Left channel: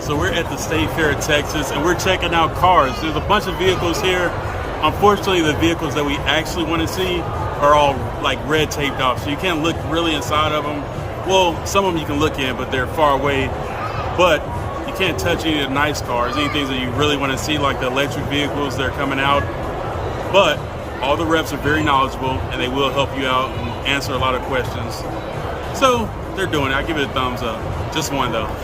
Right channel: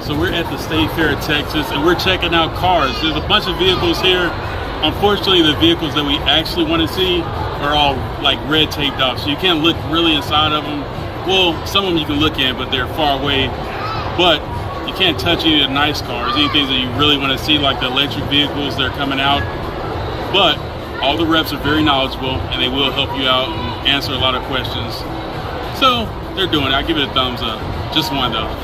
So we're at the State Fair of Texas, and we're checking out cars. There's a bunch of vehicles here. Unfortunately, the vehicles that we actually want to see are all like red taped off, so you can't look really inside of them. Well, some of them you can look in, but they're far away. But you can't touch any of the nice cars, anything that you really want to see, like the electric vehicles that are coming out. But all the reps are very knowledgeable, and they will help you out and answer a lot of questions. So they're doing it. I give it a thumbs up. Just one though.